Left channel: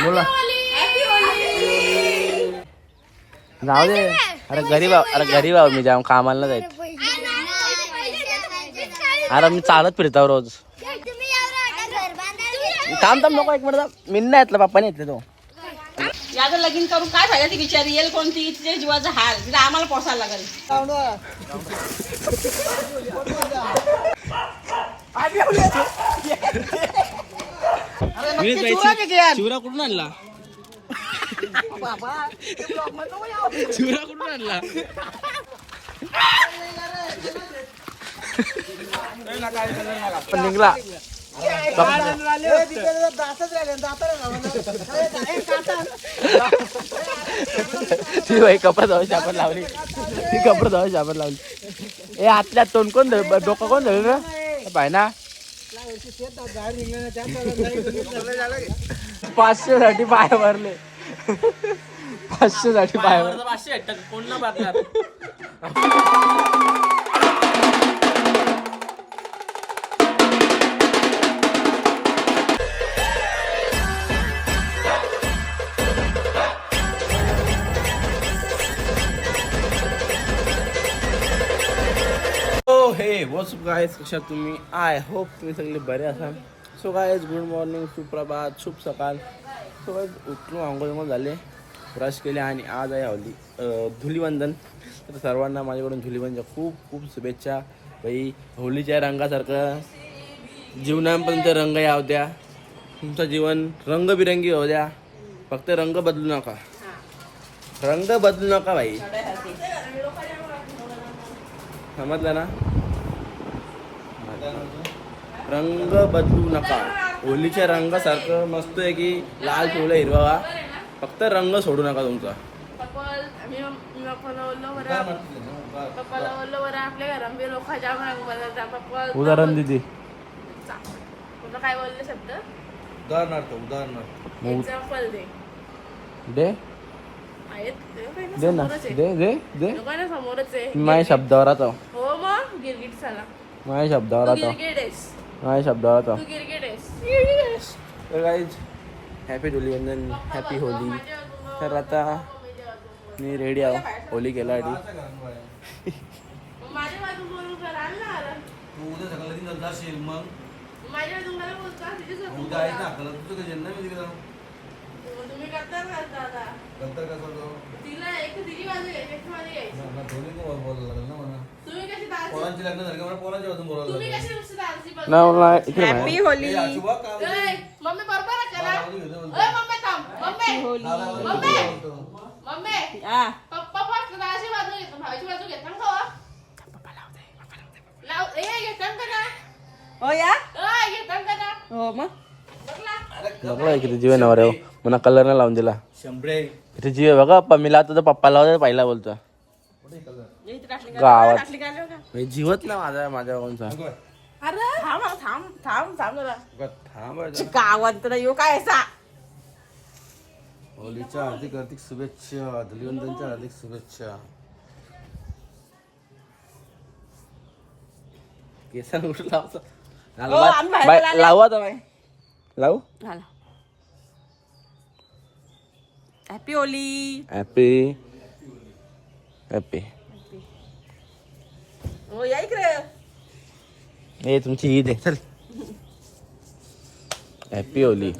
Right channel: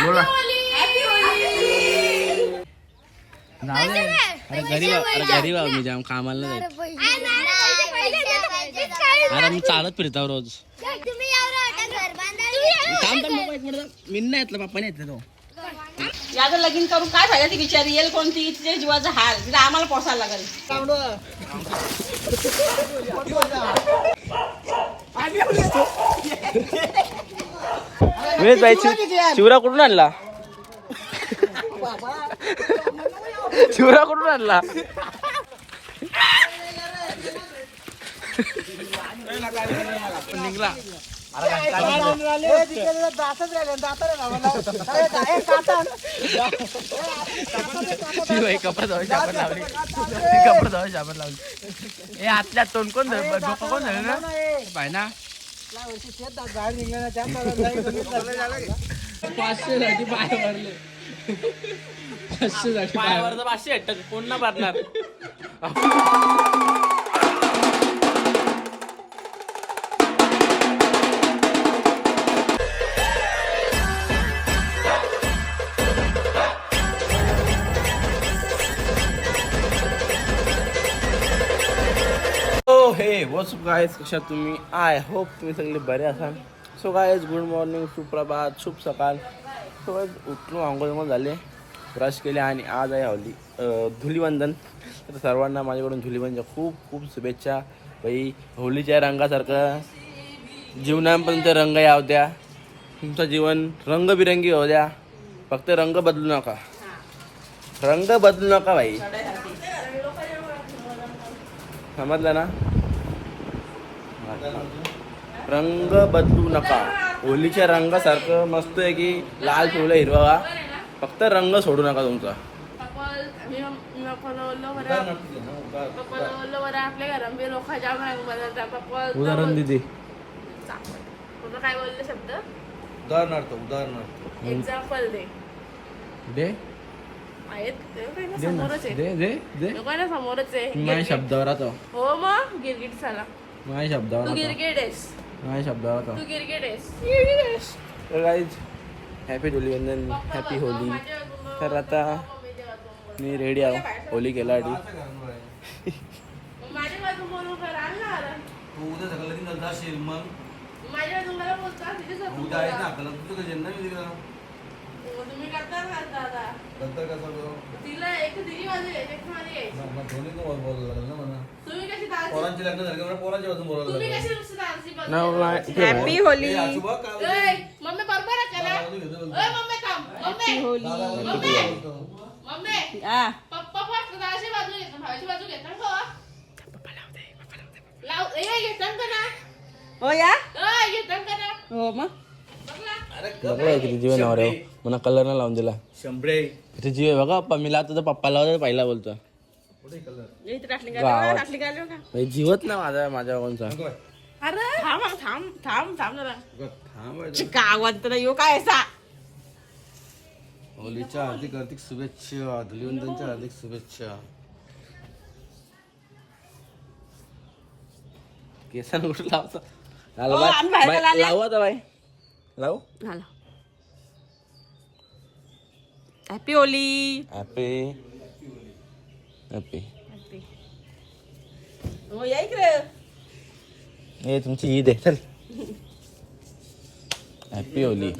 बोला जाऊ दे अरे गरीब अरे गरीब आहो मी जाम कामाला नाही जायत अरे मी चालत फिरतो रोज थांब थांब नको एक मिनिट. मी नाही येतलं पप्पाने येतले तो याचं लगीन करून काय फायदा ती बिचारी येईल कोणती तिच्या जीवाचा हाल तिला आम्हाला पोसायला लागेल मी जायची शिवरा कुठून आणला? शिवरा कुठून आणला? निघला. कपडा जाऊ शापर लावली. कपडा जाऊ शापर लावली. ए आतल्या तोंड कोण डोकं कोण धरलं? ना पाय ना पाचशे साठी पाय भरले. पाचशे साठी पाय भरले. पाचशे कोण ना भरणार वॉट्स गायज कशा तुम्ही? आय होप तुम्ही सगळे बरे असाल. सो गायज गुड मॉर्निंग सुप्रभात शुभ सकाळ. सो गायज उठलो आंघोळ झाले ब्रश केले आणि आज आहे हवली धुलीवंदन. तर सर्वांना माझ्याकडून धुलीवंदनच्या खूप खूप शुभेच्छा. बाई होलीच्या रंगासारखं जीवनापर्यंत रंग याव द्या. तुमचं जीवन रंगबिरंगी होऊ द्या. फक्त रंग बदलू नका. रंग बदलू नका बाई. समजलं ना? रंग बदलू नका. होलीच्या रंगासारखं मस्त आहे की लाल पिवळा हिरवा फक्त रंग सोडू नका तुमचा. उदाहरण दिदी. काय बोलले शब्द? उदाहरणार्थ उदाहरणार्थ. एक्झाम्पल दे. दे. आहेत? ते काय ना दे ना. समोरच आहे. दे दे समोरच आहे. माझ्या शब्दावर आता. हो मग गिरगिट झाला. माझ्या शब्दावर तू आता. गिरगिट आहेस. माझ्या शब्दावर आता. तू गिरगिट आहेस. तर guys happy Dhulivandan happy Holi. तर आता मी रेडी आहो. होली जन्म मी दिलं तुम्ही ना पोरांची लग्न झाली का पोरांच्या बाजून बोलायला तुम्ही लागेल कशी? ना इकडे बाहेर. होली ए, आशुभा, काय बोलतो? ए, मम्मी बरोबर आहे का ना? ओय, मम्मी थांब. मम्मी. दादा, बोलतो, मम्मी. बोलतो. मम्मी. हा पप्पा फक्त दादाची बाजू घेतो, भावाची बाजू घेतो ना? लाव- ए, ना? हो या घेतो ना? हो मग बघ ना. बघा किती जीवन वर आहे मला कलर नाही लावून दिला शंभरे किती जीव आहे बघा मी लावतो तर पप्पा लावतो पहिला बोलतो गावात. जीवत ना माझा माझ्या कोणचा अरे! थांब हा, थांब थांब थांब जरा. थांबायचं गावात तर येऊ काय असा? होलीच्या हार्दिक हार्दिक शुभेच्छा धुलिवंदनच्या हार्दिक शुभेच्छा. केसान बाय- आले. लावू आता बाई लावू? हॅपी होली हॅपी हॅपी हो या इकडे. हे तुमची ईद आहे. चल. हॅपी होली.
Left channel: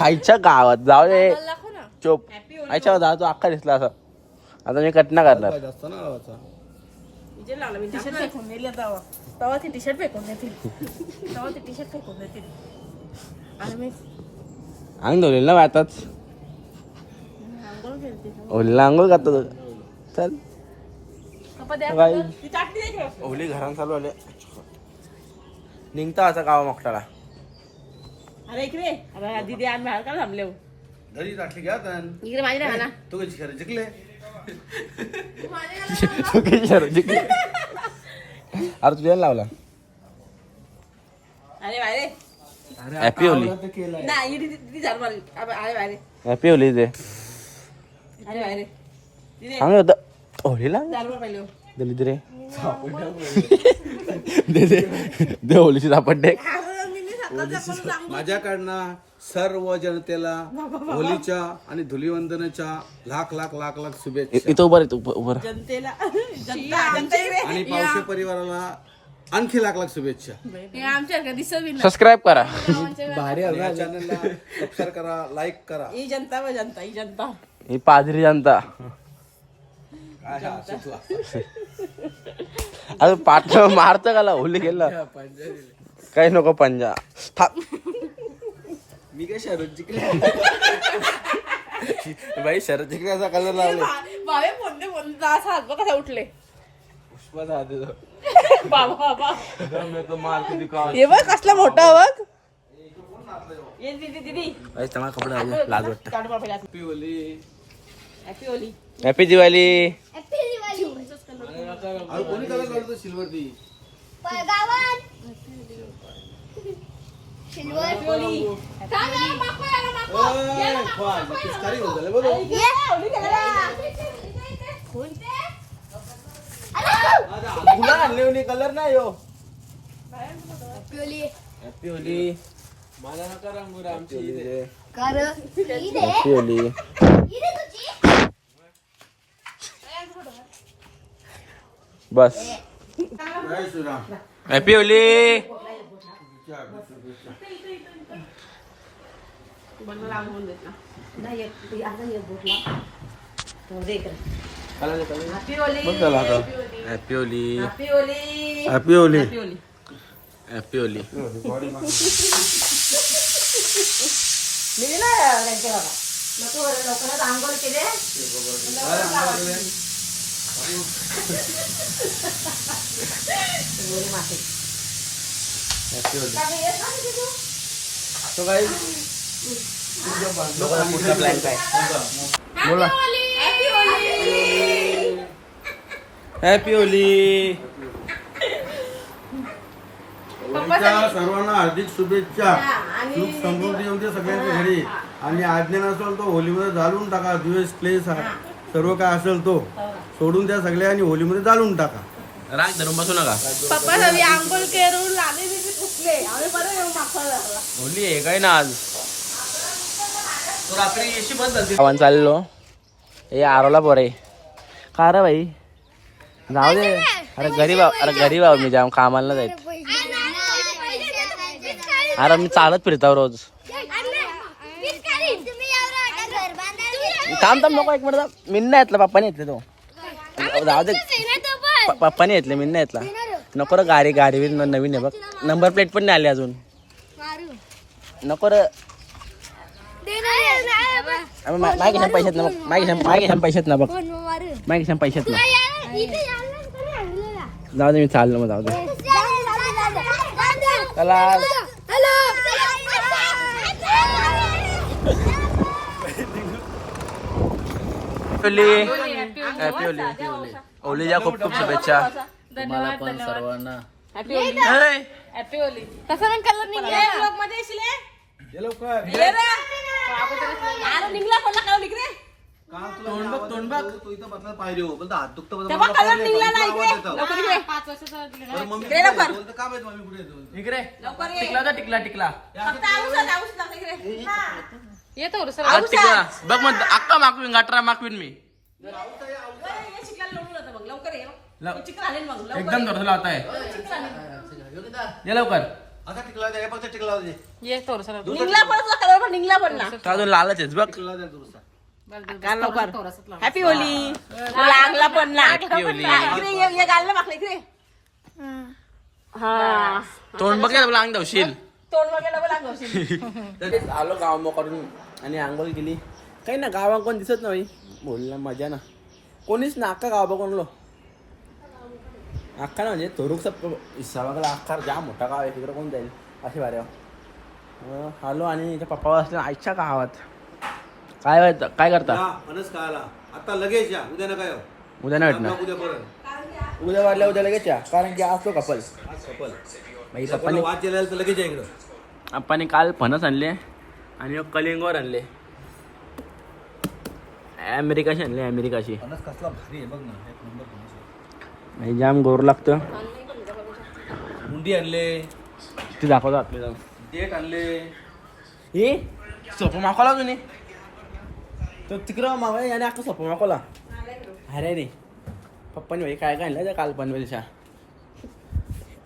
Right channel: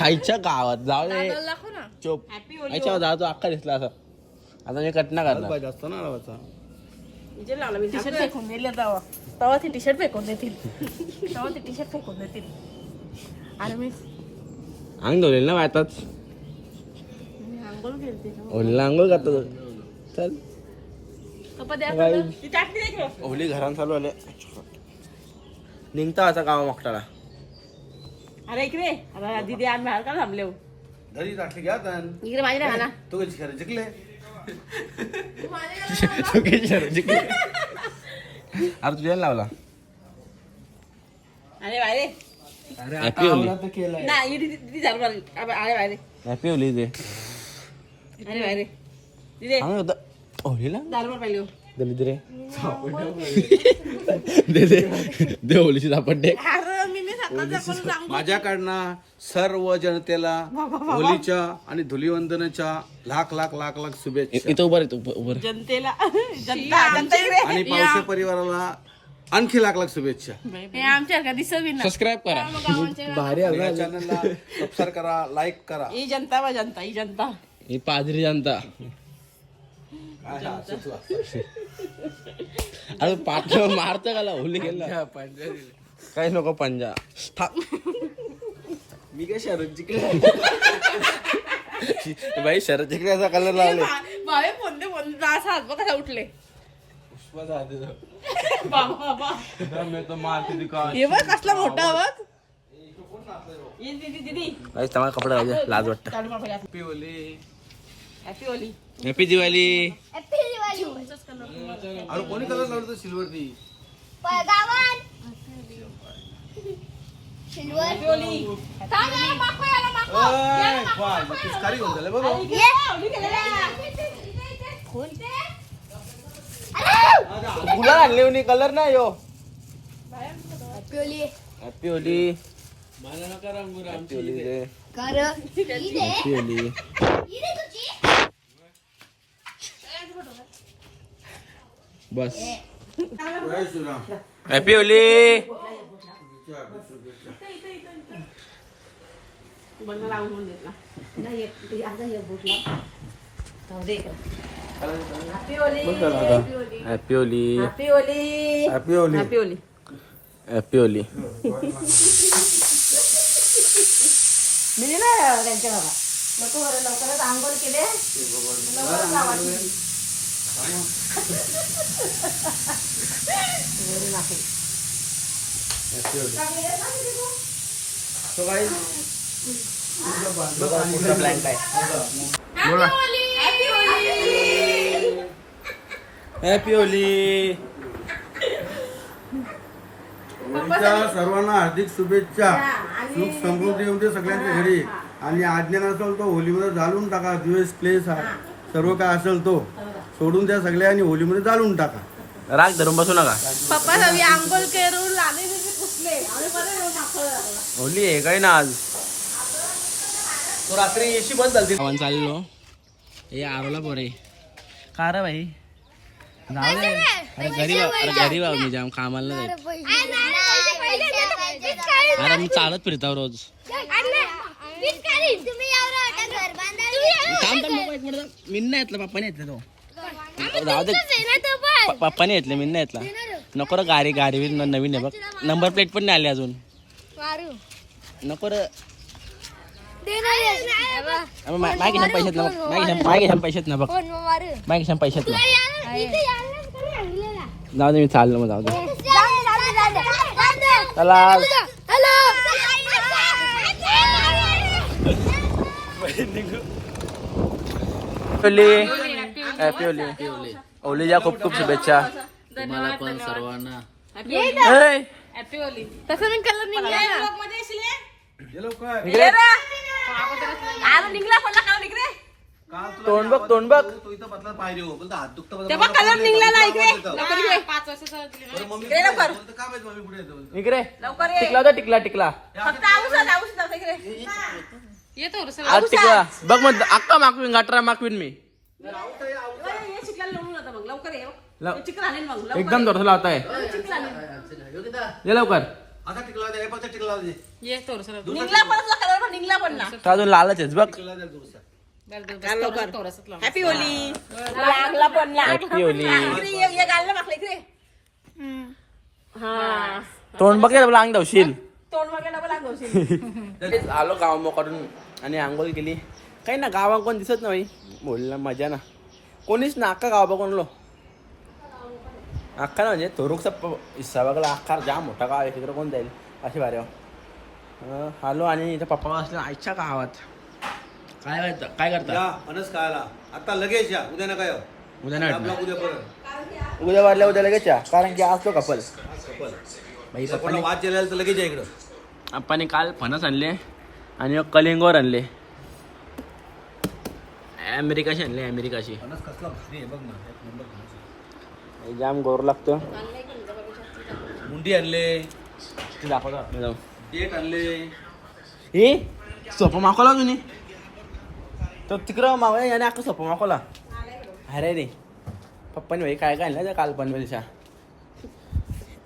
आईच्या गावात. जाऊ दे. दाखव ना. चोप. होली आईच्या गावात तो अख्खा दिसला असं. आता मी कट नाही करणार. पाहिजे असतं ना लावायचा विजय लावला मी टी शर्ट फेकून दिले तेव्हा तेव्हा ते टी शर्ट फेकून देतील. तेव्हा ते टी शर्ट फेकून देतील. आणि मी अंग धुलेल ना आताच मी आंघोळ करतो चल. ती. होली घरात चालू आले निघता असा गावा मोकटाला अरे इकडे. अरे दीदी आम्ही बाहेर का थांबले हो? घरी टाकली घ्या इकडे माझी नाही ना. तू कशी खरं जिंकले? शरत जिंकली. अरे तुझ्या लावला. अरे बाहेर अरे Happy होली. नाही दीदी दीदी झालं मला अबे, अरे बाहेर हॅपी होली ते अरे दीदी. सांग पहिले. हो. रे दे दे. दे होलीची सापडते अरे मी मी सकाळचं आपण सांगू माझ्याकडनं सर्व जनतेला होलीच्या आणि धुलीवंदनाच्या लाख लाख लाख लाख शुभेच्छा. इथं उभं रे, उभं उभं जनतेला जनता जनता इकडे. आणि पावसे परिवाराला आणखी लाख लाख शुभेच्छा. हे आमच्या दिसत. सबस्क्राईब करा. गावांच्या या चॅनलला सबस्क्राईब करा लाईक करा. ही जनता व जनता ही जनता. ही पादरी जनता. अरे पाठ मारत का होली गेला काही नको पंजा. मी काय शरद जिंकले? बाई शरद जिंकण्याचा कलर लावले. फोन असा हात बघ कसा उठले. बाबा बाबा. हे बघ कसला मोठा बघ. ये दीदी कपडे लाज वाटत. काढू बाबा हॅपी दिवाळी अरे कोणी कलर काढतो सिल्वर ती? आणले कलर नाही हो. हॅपी होली हॅपी होली रे. हॅपी होली बस जय श्रीराम हॅपी होली ना. Happy Holi happy Holi happy Holi happy मी नको लवकरच आंघोळ केले हॅपी होली तो काय पुढचा प्लॅन काय बोला हॅपी होली होळीच्या सर्वांना हार्दिक शुभेच्छा. सुख समृद्धी येऊन दे सगळ्यांच्या घरी. आणि आज्ञा नसेल तो होलीमध्ये जाळून टाका दिवस क्लेश हा सर्व काय असेल तो सोडून द्या सगळ्या आणि होलीमध्ये जाळून टाका राग धरून बसू नका पप्पा सगळी आंघोळ करून पुसले आम्ही येऊ. होली आहे काय ना आज रात्री चाललो हे आरोला पोरे का रे भाई जाऊ दे अरे गरीब आहो- अरे गरीब आहो मी जाम कामाला नाही जायत अरे मी चालत फिरतो रोज थांब थांब नको एक मिनिट थांब. मी नाही येतलं पप्पाने येतले तो. जाऊ दे. प- पप्पाने येतले मी नाही येतला. नको रे गाडी गाडी बी न- नवीन आहे बघ. नंबर प्लेट पण नाही आली अजून. नको रे. अबे, मा- माझ्या खिशात पैशात ना बघ. माझ्या खिशात माझ्या खिशात पैशात ना बघ. माझ्या खिशात पैशात ना जाऊ दे मी चाललो मग जाऊ दे. चला. होली. हॅपी होली होलीच्या खूप खूप शुभेच्छा. तुम्हाला पण सर्वांना. हॅपी तसं कलर निघला. मध्ये येशील ये? रे. अरे निघला तोंड बघ तोंड बघ. तू इथं बसला पाहिजे हो. पण तो हात दुखतो तेव्हा कलर इकडे. लवकर ये. मम्मी ये लवकर. का माहिती मम्मी पुढे येतो इकडे लवकर ये. टिकला होता टिकला टिकला. फक्त इकडे. आज टिकला बघ मग अक्का मागवीन गाठरा मागवीन मी. लव- एकदम जोरसा लावता है ये. लवकर. आता टिकला दे पण टिकला दे निघला कलर अजून लालच आहेस बघ. टिकला दे दुरुस्त हॅपी होली लागला पण ना हॅपी होली इकडे ये ये गाल मागले इकडे हा. तोंड बघ तुला अंग धावशील तोंड वगैरे आलो गाव काढून आणि आंघोळ केली. काही ना गावात कोण दिसत नाही. बोलला मजा ना. कोणीच ना अख्खा गाव बघून लो अख्खा ना म्हणजे थोरूकचा हिस्सा बघला अख्खा जाम मोठा गाव आहे तिकडे कोण जाईल? असे बारे आलो आणि इथे पप्पा असल्या आईच्या गावात. काय व्हायचं काय करता? फणस खायला. आता लगेच या उद्या नका येऊ. उद्या भेटणार. उद्या परत. उद्या वाढल्या उद्या लगेच या. कारण की आज तो कपल कपल कोणाला पप्पाने वाद गेलेला तर लगेच या इकडं. पप्पाने काल फणस आणले. आणि कलिंगवर आणले. अमेरिकाशी आणले अमेरिकाशी. फणस कसला भारी आहे बघ ना एक नंबर. आणि जाम गोर लागतं. मुंडी आणले. तू दाखवतो आतमध्ये जाऊन. देठ आणले. ही सोपं मागवला तुम्ही? तो तिकडं मागवा याने अख्खा सोपं मागवला. अरे रे. पप्पानी भाई काय काय आणलं त्या काल पनवेलच्या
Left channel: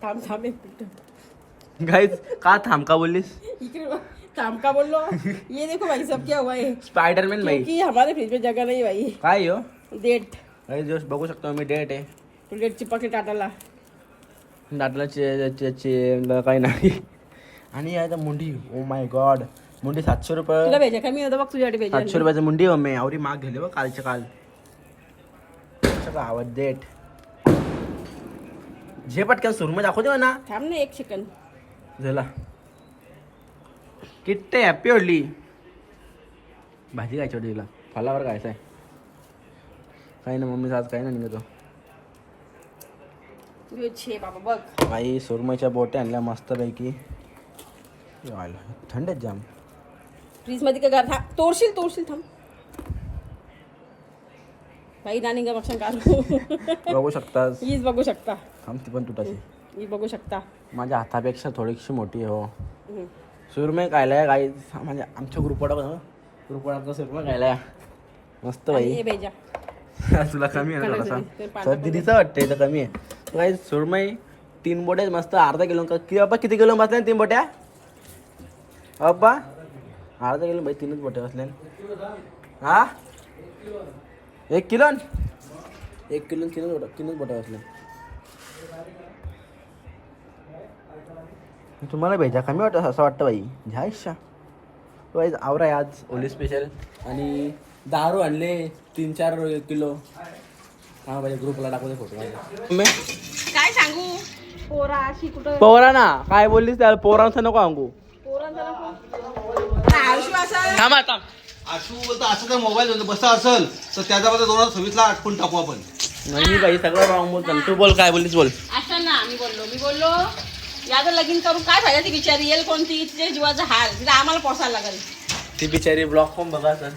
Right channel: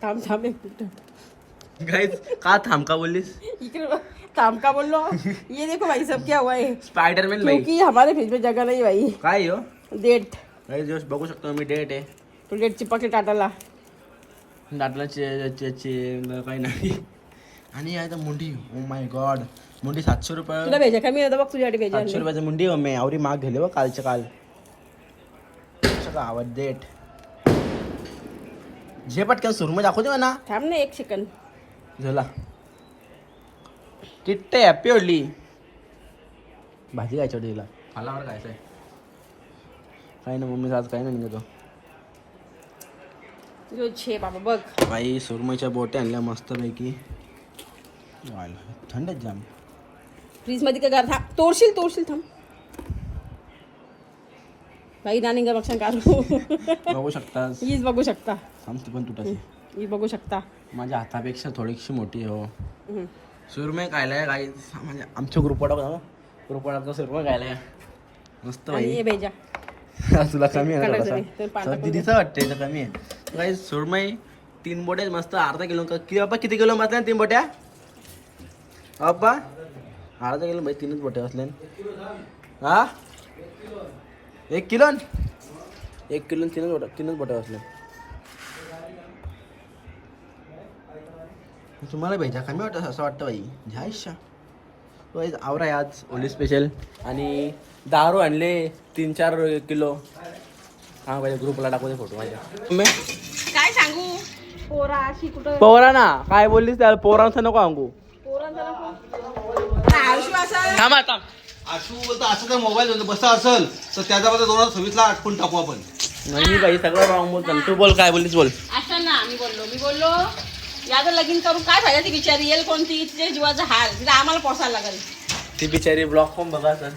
थांब थांब एक गाईज का थांब का बघ. थांब का बोल हूँ? ये देखो भाई सब क्या हुआ है? स्पायडरमॅन भाई. क्योंकि हमारे फ्रिज में जगह नहीं भाई. काय हो डेट गाईज दिवस बघू शकतो मी डेट आहे. तो डेट चिपक के टाटाला दाटलाचे काही नाही. आणि आहे तर मुंडी. ओ माय गॉड मुंडी सातशे तुला रुपये भेजा कमी होता बघ तुझ्यासाठी भेजा. सातशे रुपयाची मुंडी हो मी आवरी माग घेले बघ कालच्या काल. सगळं आवाज देट जे पटकन सुरमय दाखवते ना थांब ना एक सेकंड झाला. किट्टे हॅपी होडली. भाजी खायची होती तिला. फलावर खायचं आहे काही ना मम्मीचं आज काही नाही निघतो बाबा बघ. काही सुरमईच्या बोट्या आणल्या मस्तपैकी. आयला, थंड आहेत जाम. फ्रीजमध्ये काय थांब तोडशील तोडशील थांब. भाई नानी का नुकसान काढू बघू शकतास. हीच बघू शकता. ती पण तुटाची ही बघू शकता. माझ्या हातापेक्षा थोडीशी मोठी आहे हो. हम्म. सुरमई खायला काही म्हणजे आमच्या ग्रुपवाडा ग्रुपवाडाचा सुरमई खायला मस्त आणि हे बाई भेजा तुला कमी आहे थोडासा. सर दिदीचं वाटतंय तर कमी आहे. काही सुरमई तीन बोट्या मस्त अर्धा किलो किती बाबा किती किलो बसल्या तीन बोट्या? अप्पा अर्धा किलो बाई तीनच बोट्या बसल्या. हा? एक किलो एक किलो तीनच बोट्या तीनच बोट्या बसल्या तुम्हाला भेजा कमी वाटत असं वाटतं बाई घ्या इच्छा तो आज आवरा आहे आज. ओली स्पेशल आणि दारू आणले तीन चार किलो. हा पाहिजे ग्रुपला टाकू दे फोटो माझ्या. काय सांगू? पोरा अशी कुठं पोरा ना काय बोललीस त्या पोरांचं नको सांगू. पोरांचा नको. थांबा थांब. आशू बोलतो असं मोबाईल बसा असेल तर त्याच्यामध्ये दोन हजार सव्वीसला टाकू आपण. नाही बाई सगळं रॉंग बोलतो. तू बोल काय बोललीस बोल. असं ना मी बोललो मी बोललो याचं लगीन करून काय फायदा ती बिचारी? येईल कोणती? तिच्या जीवाचा हाल. तिला आम्हाला पोसायला लागेल. ती बिचारी ब्लॉग पण बघा सर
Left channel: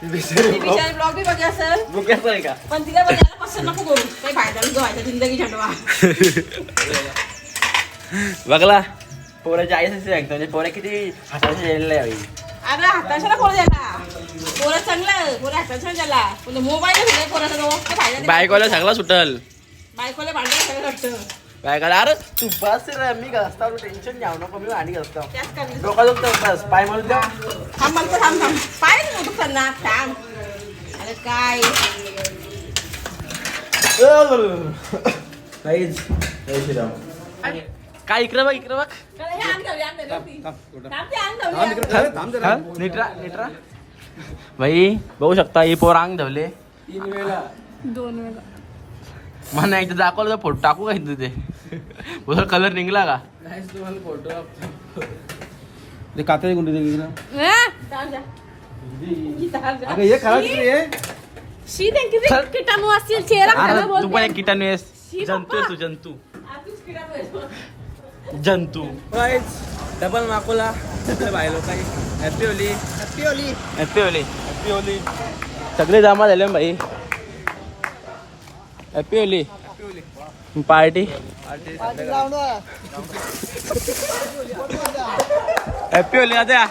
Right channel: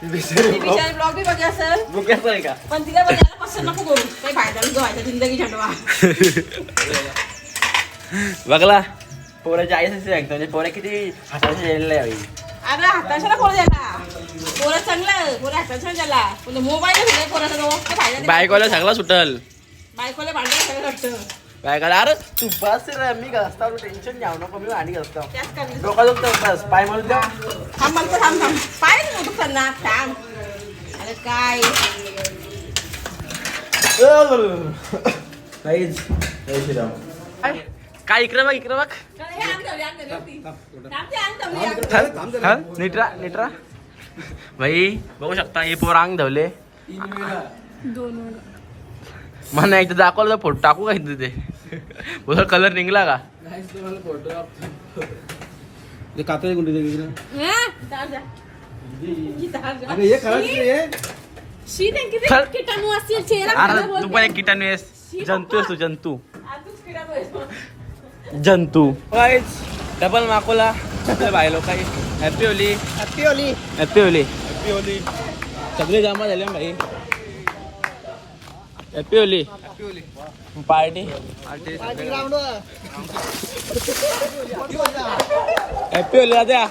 ती बिचारी ती ब्लॉग बिचारी ब्लॉग बी बघा सर बुक्याचं आहे का? पण तिला बघायला पसंत नको करू. काही फायदा व्हायचा जिंदगी झंडवा बघला. पोराच्या आईच सांगतो म्हणजे पोरा किती बाई अरे हाताशाला कोण द्याला पोरं चांगलं पोरं हाताशाला द्याला पण मोबाईल दिलाय पोराचा तो. काय फायदा. बायकोला सगळा सुटल. बायकोला भांडायला सगळं वाटतं बायकोला अरे तू बस रे मी घसता टेन्शन घ्याव नको मी आणि घसता. त्याच करणे डोका दुखतं बस पाय म्हणून द्या थांब मला तर थांब थांब. पाय मोठं करणार थांब. अरे काय? जय श्रीराम काय इकडे बघ इकडे बघ हे? नीटरा नीटरा भाई बघू शकता ही पोर अंग धवले मला एकदा दाखवलं तर फोटो टाकू का इथं ते बोल कलर निघला का ते गुंडी दे. अगं हे खराब. किटाणू असतील चेहरा अरे खराब तू होतो. पण एक किटाणू आहेस शी जंतू आहेस तू जंतू. जंतू. गाईज डबल माकोला आपल्या बाय लोक happy Holi happy Holi happy Holi happy Holi सगळे जमा झाले भाई happy Holi party happy Holi आता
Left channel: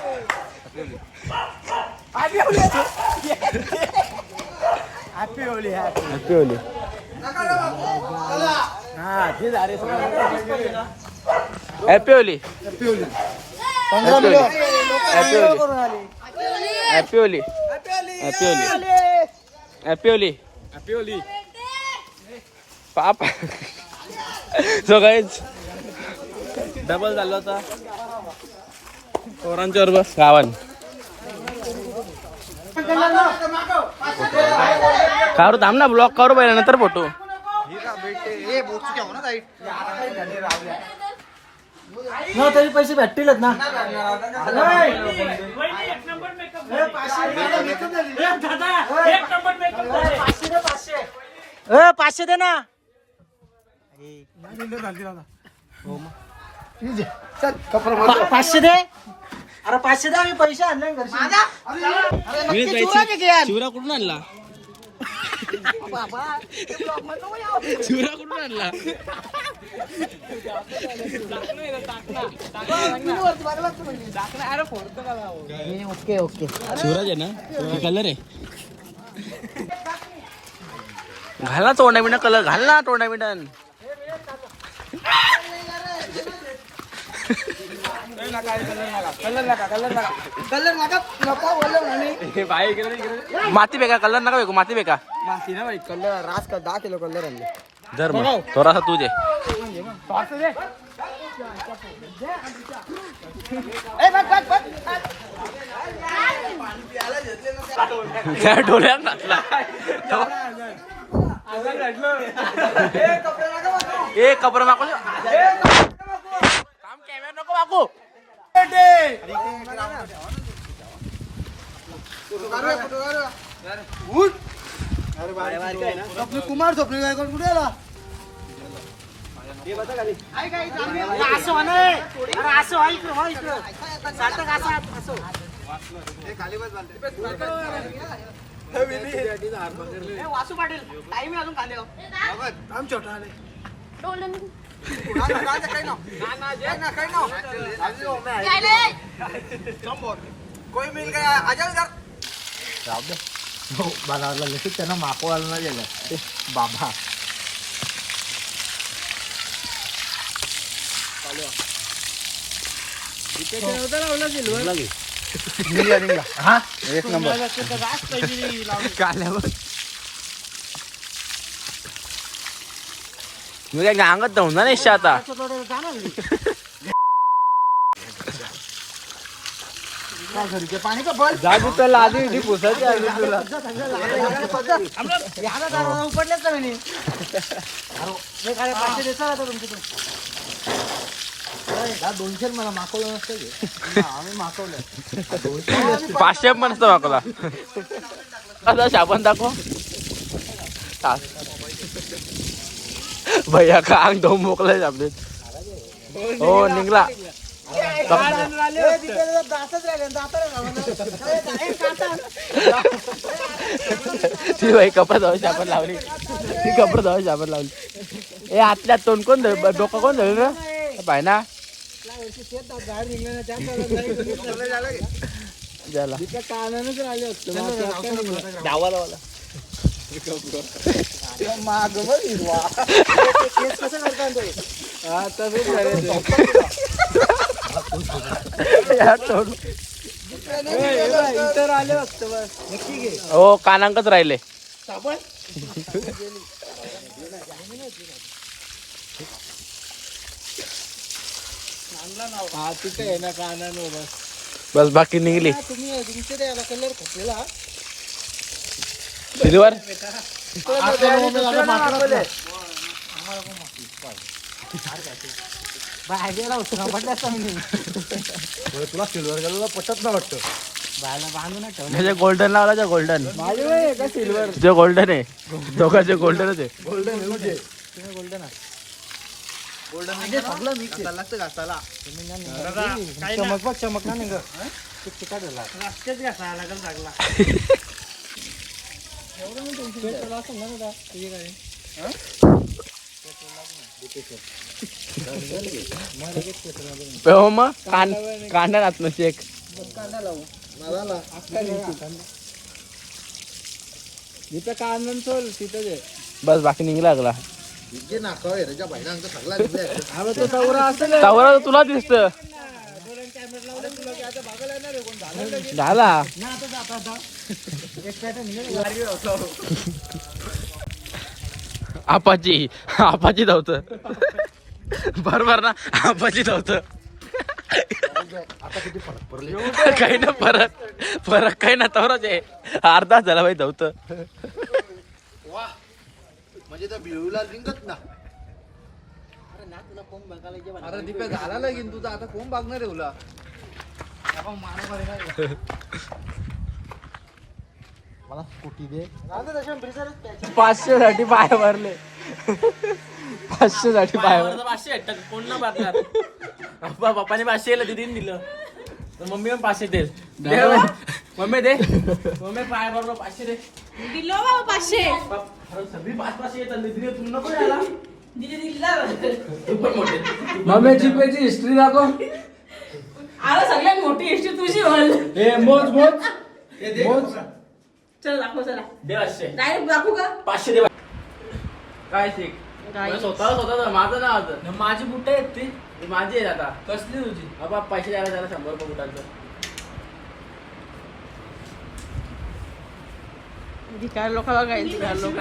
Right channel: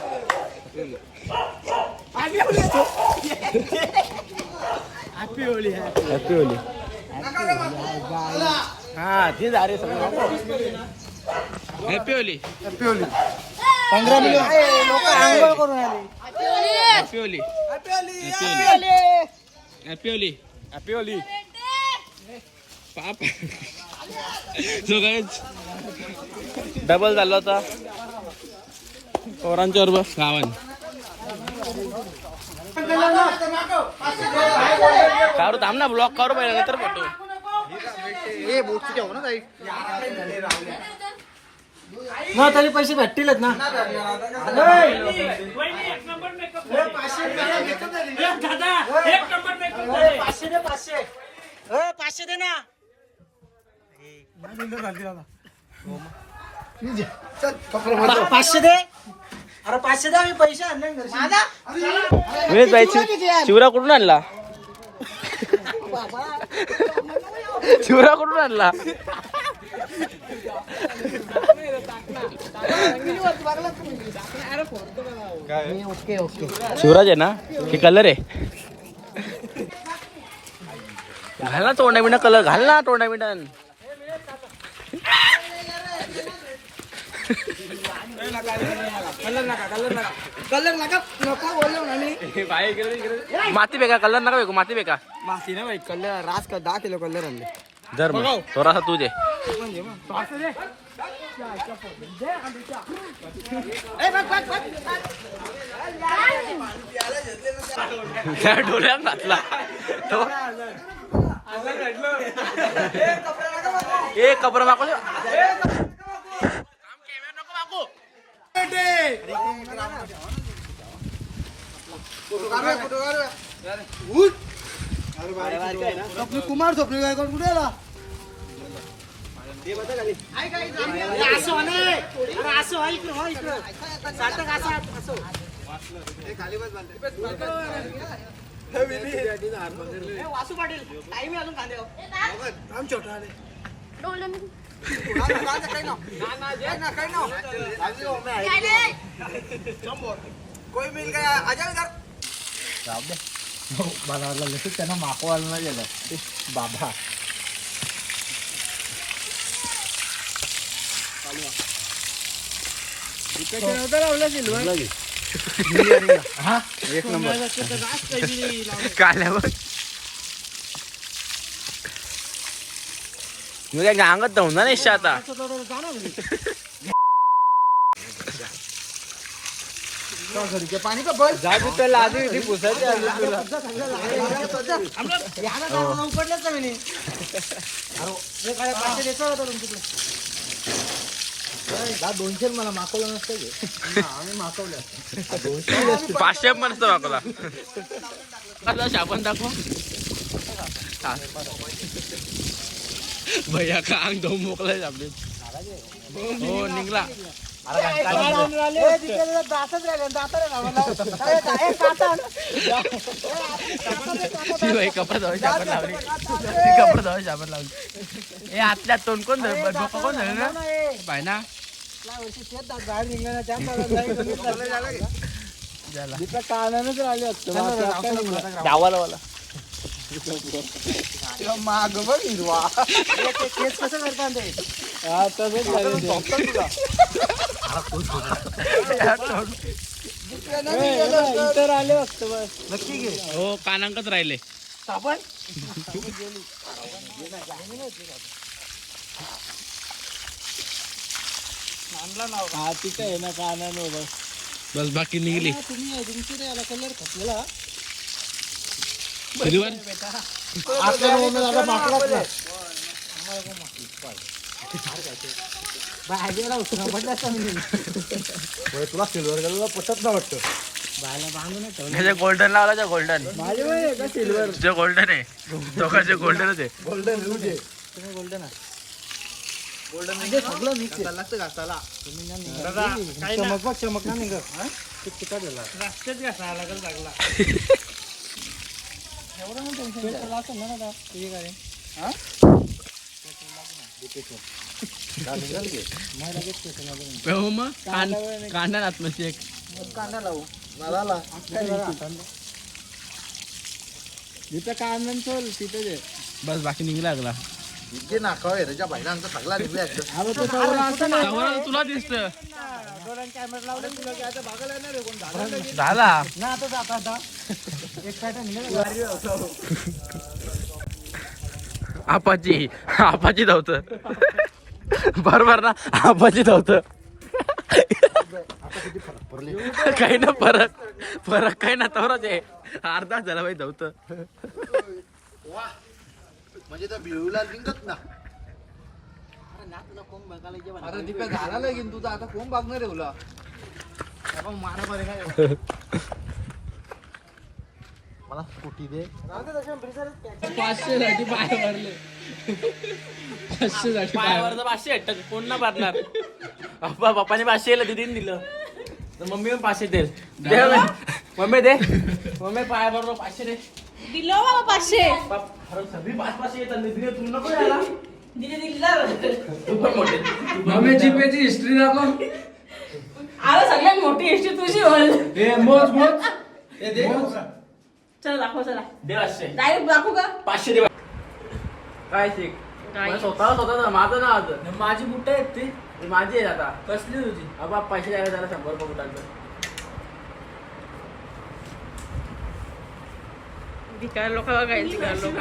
हॅपी होली हॅपी होली हा ते झाले happy Holi happy Holi happy Holi happy Holi happy Holi happy Holi पाप. सो गाईज डबल झाला होता. पोरांच्या बरोबर. गावान काढू थांब ना ब्लॉक करू पाहिजे नंतर फोटो. मग तरी पैसे भेटतीलच ना. ए, पाचशे दे ना. पाचशे दे. अरे पाचशे दे आम्ही पैसे आणले शिव- शिवरा कुठून आणला? शिवरा कुठून आणला? ओके ओके शिवराज आहे ना? हे कलर आहे. घाल ना तोंडा कलर घाल ना तोंडा माती बेका कलर नका बेकू माती बेका माती ना भाई कलर रास का दहा किलो कलर आणले. धर मग थोडासा तुझे त्या डोल्यात घातला. ए कपडे मागू नको मागू स्वप्न कुमार स्वप्न कुठे आला? असं हो अरे असं व्हा इकडं व्हा इकडं. सार्थक असं असं वासू पाटील टाइम अजून खाली. आम छोटा आले. कोई मिल गया. आजा इधर. बाजारला लसूण त्यांना मापवायला नाही गेलं. बाबा. काल्यावर मी काय गांगत ना नाही आता. पाणी का बल जाऊ तर आधी उपडल्याच का म्हणे अरे एक आहे, पाचशे द्यायचं होय, दहा दोनशे मला मागवलं नसतं ते. आम्ही मागवलं. पाचशे पण असतो मागला आता साबण दाखव. भैया का अंग धो मोकलाय आपले हो निघला. ती बाई कपडा जाऊ साबण लावली. ती कपडा जाऊ साबण लावली. ए आतल्या तोंड कोण धर डोकं कोण धर रे झाला कानानच राहिले असतं वाला माग बघ हिरवा हा तसंच इतर आले असतं बस. नक्की घे. हो कानांकच राहिले. साबण? हा तिथं आहे ना बस बस बाकी निघली. तुम्ही तुमचे ते याला कलर खपला. सिल्वर आपल्याला आता माकडाच नाही. बाहेर होतं म्हटलं तुला सिल्वर कलरला पटत ना वाटतं. ठेवलं. गोल्डन लावला जो गोल्डन सिल्वर जो गोल्डन आहे. दोघांचे गोल्डनच आहे. गोल्डन गोल्डन गोल्डन सगळं मिक्स लागतं घासाला चमक बघ चमक ना निघ चिकट झाला? रस्त्यात घासायला लागेल लागला एवढं नाही टेन्शन असं ना दादा? तुझे काय हो? मग. कांदा एक. कांदा लावू. मला जिथं कांदा. चोल तिथं जे बस बाकी निघला लागला. अरे तो तवरा तुला दिसत कॅमेरा तुला झाला आपाची आपाची धावत. बरोबर ना? आपाची धावत. काही ना फरक फरक काही ना तवराच आहे. अर्धा झाला भाई धावत. म्हणजे त्या बिळूला लिंगत ना. अरे दीपे झाला लगीन तुझा आता कोण बघणार आहे तुला मला स्कूटी दे. पाचशे साठी पाय भरले. पाचशे साठी पाय भरले पाचशे कोण ना भरणार? पप्पा पप्पाने पाचशे दिलं दिदीने दिलं. तर मम्मी पण पाचशे दे. मम्मी. दे. मम्मी पाय भरलो पाचशे दे. दिलो बाबा पाचशे. सगळी पाच पाचशे येतात दीदी तुम्ही नको यायला. दिदी दिला मम्मी जीपेची हिस्ट्री दाखव. अरे सगळ्यात मोठी हिस्ट्री तुझी होईल मोज मोज. चल दाखव चला. दे पाचशे. डायरेक्ट दाखवू का? पाचशे दे. काय शिक काय? स्वतः माझं ना आज. माझी बुट्ट आहेत ती. माझी आहे आता. कसली तुझी? अबा पैसे द्यायला त्याला शंभर रुपये बुटाचं. भिकार लोकांना काय भिकार लोक?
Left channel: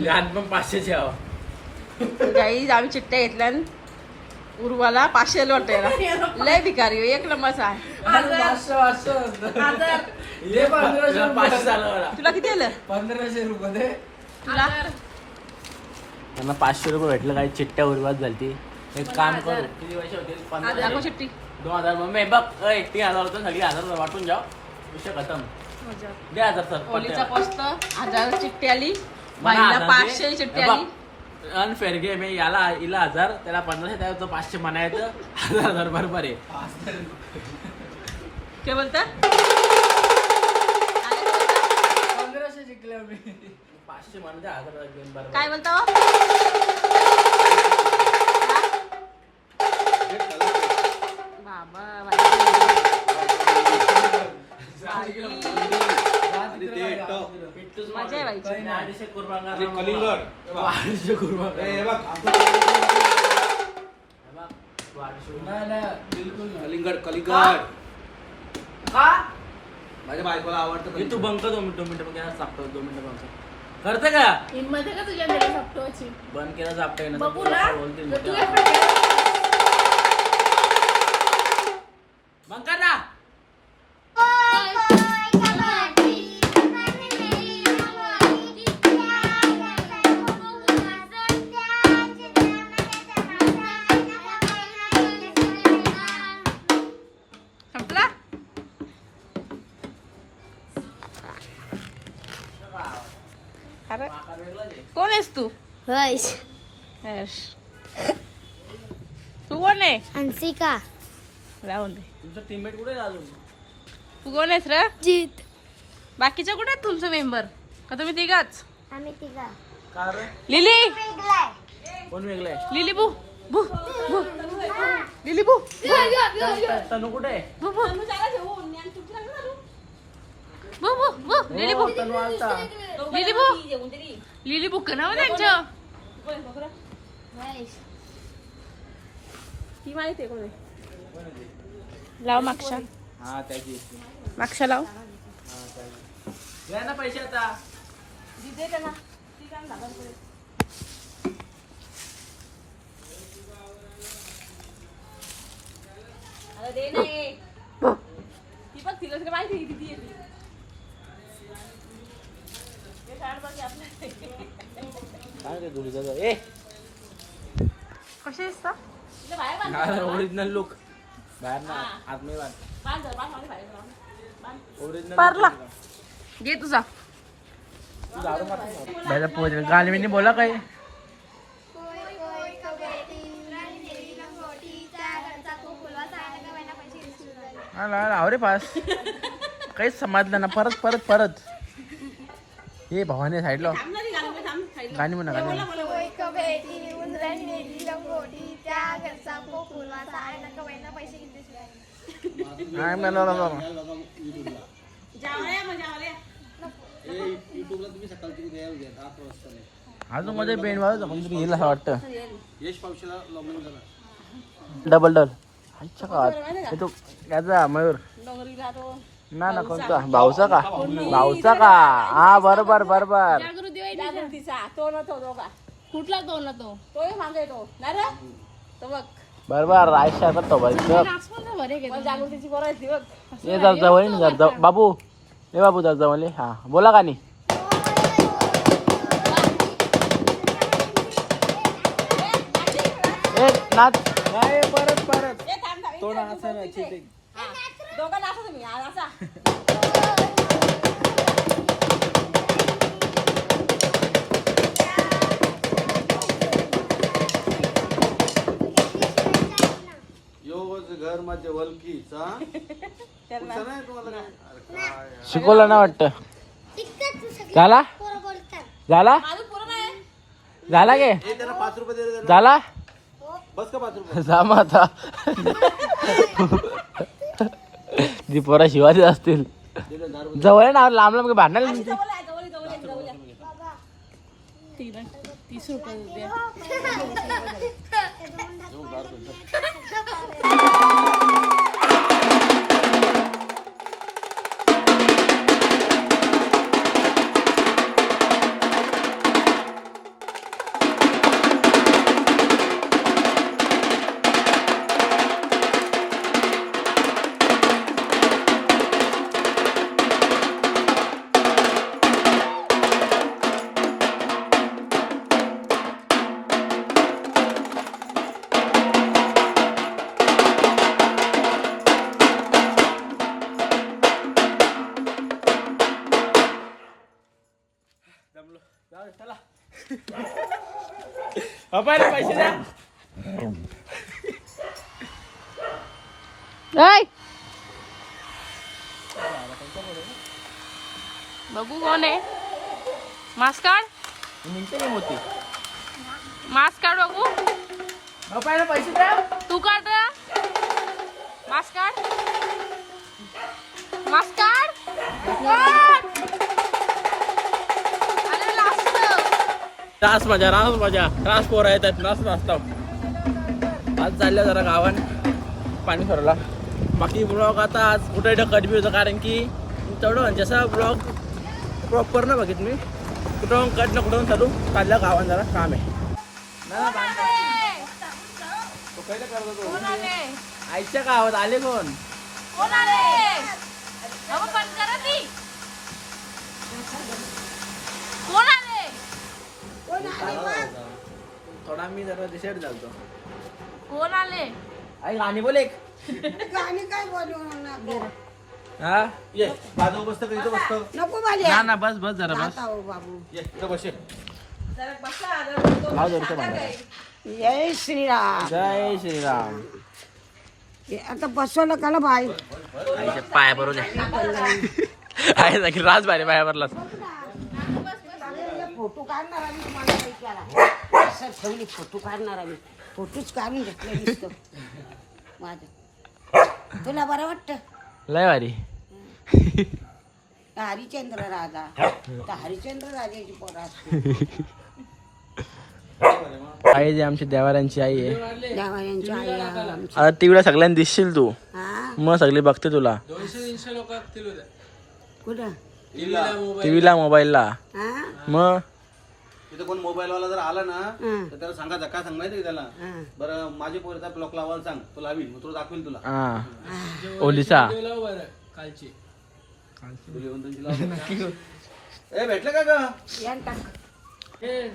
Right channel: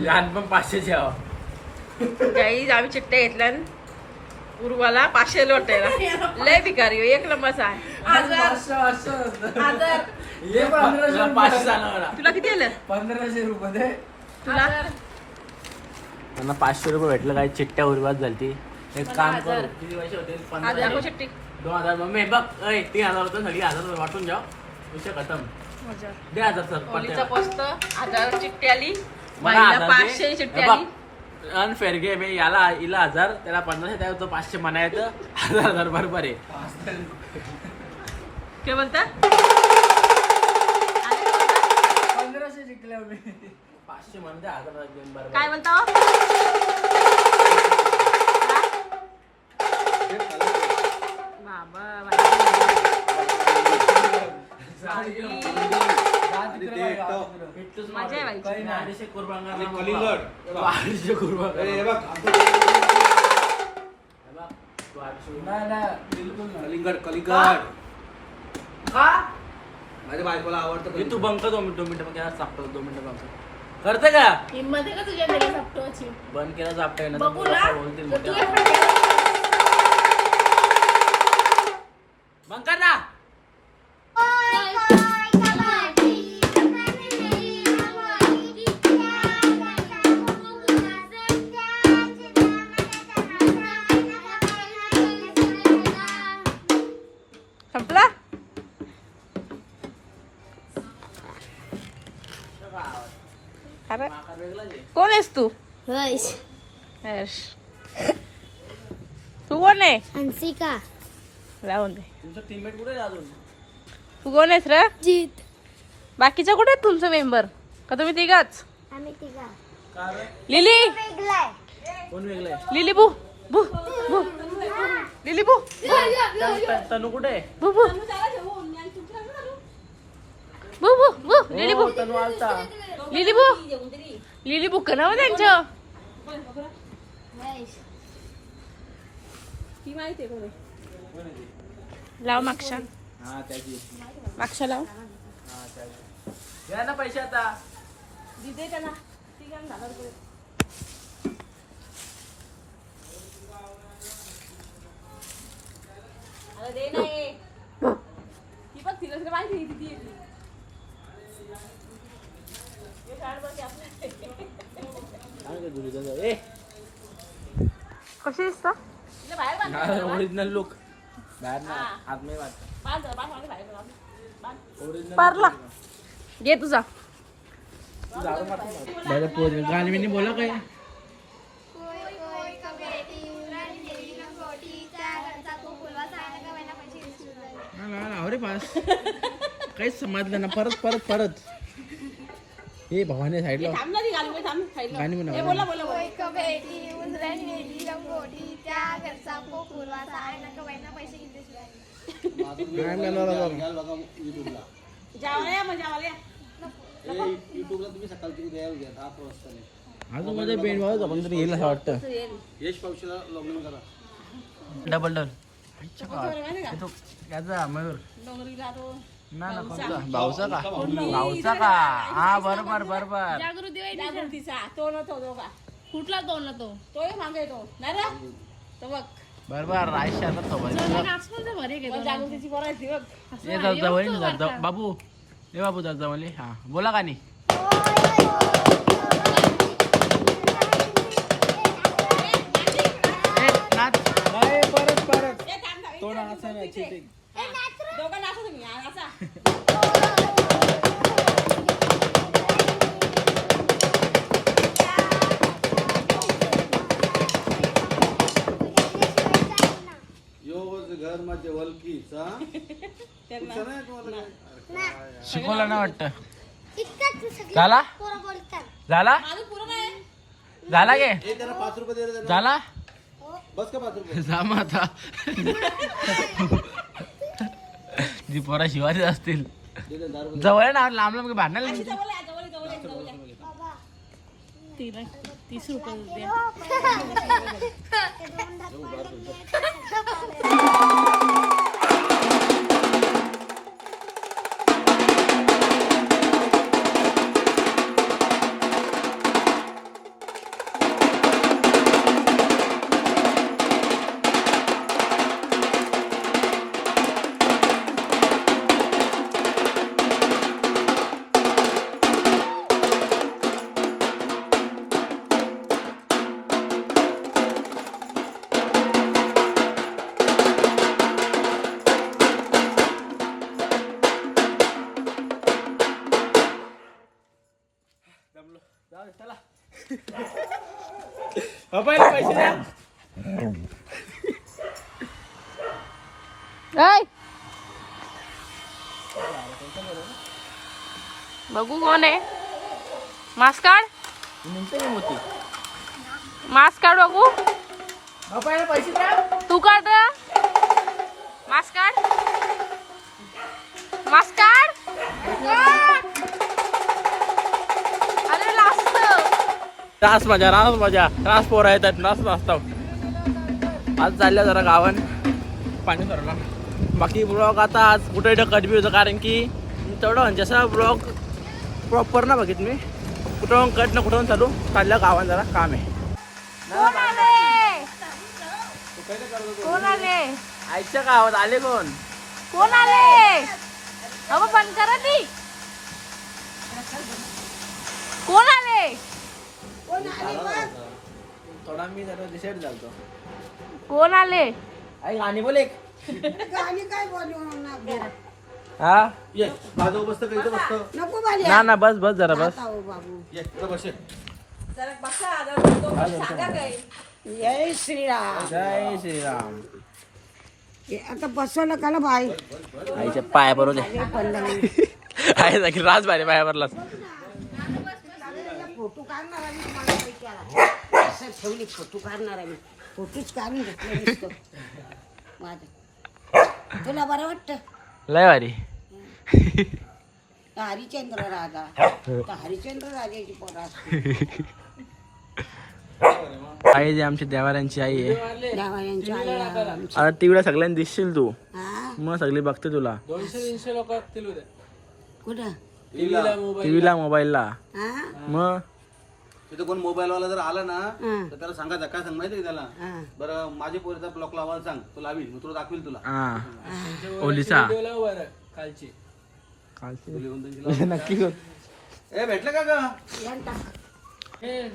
लहान पण पाचशेचे काही आम्ही चिट्ट्या घेतल्या उर्वाला पाचशे लोटायला लय भिकारी हो, एक नंबरचा आहे. तुला किती आलं? पंधराशे रुपये दे. तुला? त्यांना पाचशे रुपये भेटलं काही चिट्ट्या उरवात झाली ती एक काम करू. दोन हजार मम्मी बघ ऐ तीन हजार होतं सगळी हजार वाटून जाऊ विषय खतम. मजा. दे हजार सर ओलीचा पोस्त हजार चिट्टी आली. मला बाईला हजार पाचशे दे. चिट्टी आली. बघ अनफेअर गेम आहे याला हिला हजार त्याला पंधराशे त्याला तो पाचशे म्हणा येतं हजार हजार बरोबर आहे. काय बोलता? पंधराशे जिंकल्या मी पाचशे म्हणून दे हजार गेम बरोबर काय बोलता हो? बाबा बाई. मजा आहे बाई. काही नाही. अडीचशे कुर्बान आणि कलिंगड. अडीचशे कुर्बान बघ, नाही नाही. बिलकुल नाही. कलिंगड कलिंगड. का? माझ्या बायकोला आवडतं हे तू बंक दोन मिनिट दोन मिनिटं बंक केला चापतो दोन मिनिटं बंक. करते का? हिंमत आहे का तुझ्या घरी फक्तोची बंद केला चापतोय ना तर बघू. बोलतील बघू मोठ्या. कर ना. हर्ष. तू कोण आहे हंसिका राहून दे तू कोण आहेस रे? जीत बाकीच्या कुठे आहेत तुमचे मेंबर का तुम्ही तिघाच? आम्ही तिघा. लिली. कोण वेगळं आहे? लिली बू. बू बू. लिली बू. तनू कुठे आहे? बू बू. बू बू बू. लिली बू. लिली बू. लिली बू नाव त्यांचं? वैश लाव मागच्या. हा त्याची. मागच्या लाव. द्या ना पैसे आता. ती बघ तिला सगळं माहिती किती येते काय ते. धुळी जातं ए कशी दिसतं? ओरिजिनल लुक बाहेर ना आत मी पारला. घे तुझा. गाणी बिनी बोला काय? हा ना ना, रे पास. काहीच समजलं ना परत परत परत. हे भावाने साईडला गाणी म्हणा गाणी नाही म्हणा. अजून मध्ये बेंड वाजत पण तरी येईल असं वाटतं. यश पावशीला लॉग इन करा डबल. डल अच्छा का तो याचा मयूर. ना ना कोणता? भाऊचा का? भाऊचा का? हा बरोबर बरोबर. जागृतीचा तो ना तो दोघा. कुठला तो ना तो? तो मागे तो. नाही रे? तो बघ. बरोबर आयशा बघ. मला जागृतीची बरं बघ. ये जात जवळ जात जाऊ बाबू ए बाबू जात जवळ हा बोला का नाही? ए नाच. नाही परत परत. तो नाचा. दोघं नाचा तुम्ही हा, नाचा. यो घर माझ्या वलकीचा पुढचं नाही तुम्हाला काय? अरे काय यार. शिकवलं ना वाटतं. झाला? झाला? माझं झाला गे ए, त्याला पाच रुपये दे रे त्याला. झाला? बस का पाच रुपये? जा मग आता. जी पोरा शिवाजी असतील. जवळ आहे ना लांब लांब भांडणार तिला तीस रुपये द्या बघू कोण आहे. मास्क काढ. निघते मोती मास्क काढ बघू. पैसे द्या तू काढ मास्क काढ. मास्क काढ. अरे रास मजा रास मजा. रास पोरा येतात नाच नाचतात. आज चालल्या जरा गावान. पाणी सोडला. बाकी ब्लॉग आता आज कुठे कटबी होतं कारण की तेवढं म्हणजे जसा ब्लॉग प्रॉपर ना बघित मी. कुठं कट ना कुठून चालू चालल्या गावान जरा काम आहे. आईच्या गावात आले कोण? कोण आले कोण आले थोडा मी जरा डिसाईड झालतो कोण आले आई गाणी बोल एक. हा? ये बाजू बसतं का इथं बसतं? नको ना ना बस बस जरा बस. हो बाबू. ये इथं बस ये. काय मला जय श्रीराम. जय श्रीराम. हे आता बसवलं का ना बाई? आईच्या पाया बरोबर आहे नक्की राज भारी पाया भरलास फोटो काढणार आम्ही तुम्हाला. असं ठेवली फोटो काढणार आम्ही फोटोच काढून घेतले नुसतं. माझं. तुला बरं वाटतं? लय तर हरिचंद्र राजा. हरिचंद्र राजाची पोरं आई जी आमची देवाऱ्यांची आई आहे. आई आता टीव्हीला सगळ्यांना दिसशील तू. मग सगळी बघते तुला. कुठं? टीव्हीला मोबाईलला. मग? तिथं कोण मोबाईल वाला जर आला ना. तर त्याला सांगायचं काय सांग माहिती त्याला? बरं माझी पोरीचा ब्लॉक लावायला सांग. तो लावील मी तुला दाखवील तुला. हा. ओलिसा नक्की. ए भेटलं का ग? यान टाक.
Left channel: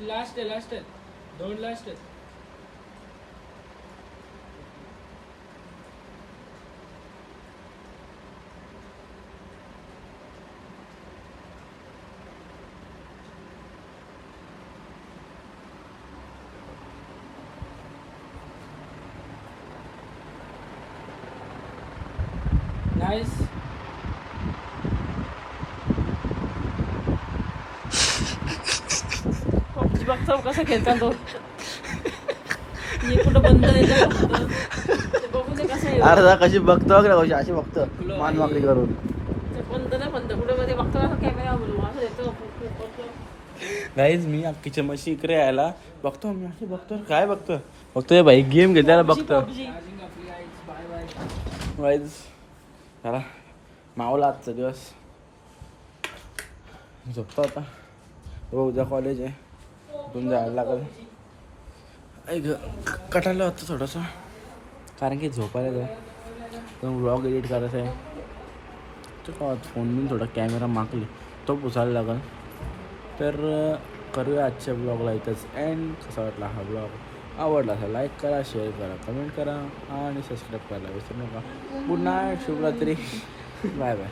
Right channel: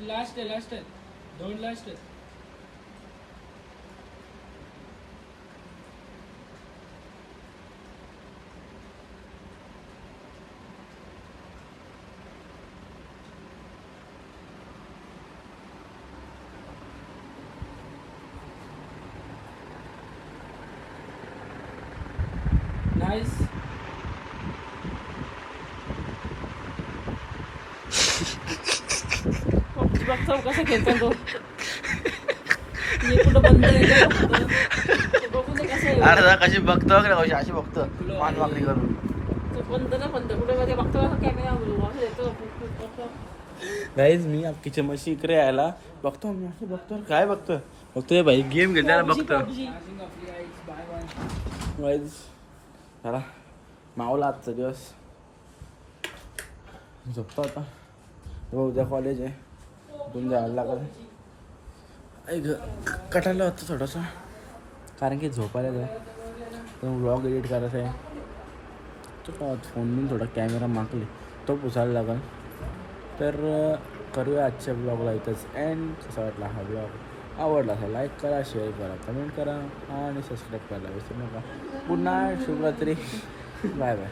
लास्ट आहे लास्ट आहे. दोन लास्ट आहे बघतो कसं खेळतो तो? हे कुठं बंद आहे? का बघतो. ते बघू कसं आहे. अरे कशी बघतो वगैरे कशी अशी बघतो. मान वाकडी करून. ते बंद ना बंद. कुठे मध्ये बघतो असं कॅमेरा बोलू? असं येतो बघतो. गाईज मी अख्खीच्या मशी इकडे यायला. बघतो मी अशी बघतो. काय बघतो? बघतोय भाई गेम घेताना बघतो. गाईज जरा मावला आजचा दिवस झोपतो आता हो उद्या कॉलेज आहे उठून जायला लागेल ऐक कटायला होतं थोडंसं कारण की झोपायला जा तर व्लॉग एडिट करायचा आहे तो का फोन बिन थोडा कॅमेरा मागले तो पुसायला लागेल तर करूया आजच्या ब्लॉगला इथंच अँड कसा वाटला हा ब्लॉग आवडला असेल लाईक करा शेअर करा कमेंट करा आणि सबस्क्राईब करायला विसरू नका. गुड नाईट शुभरात्री. Bye bye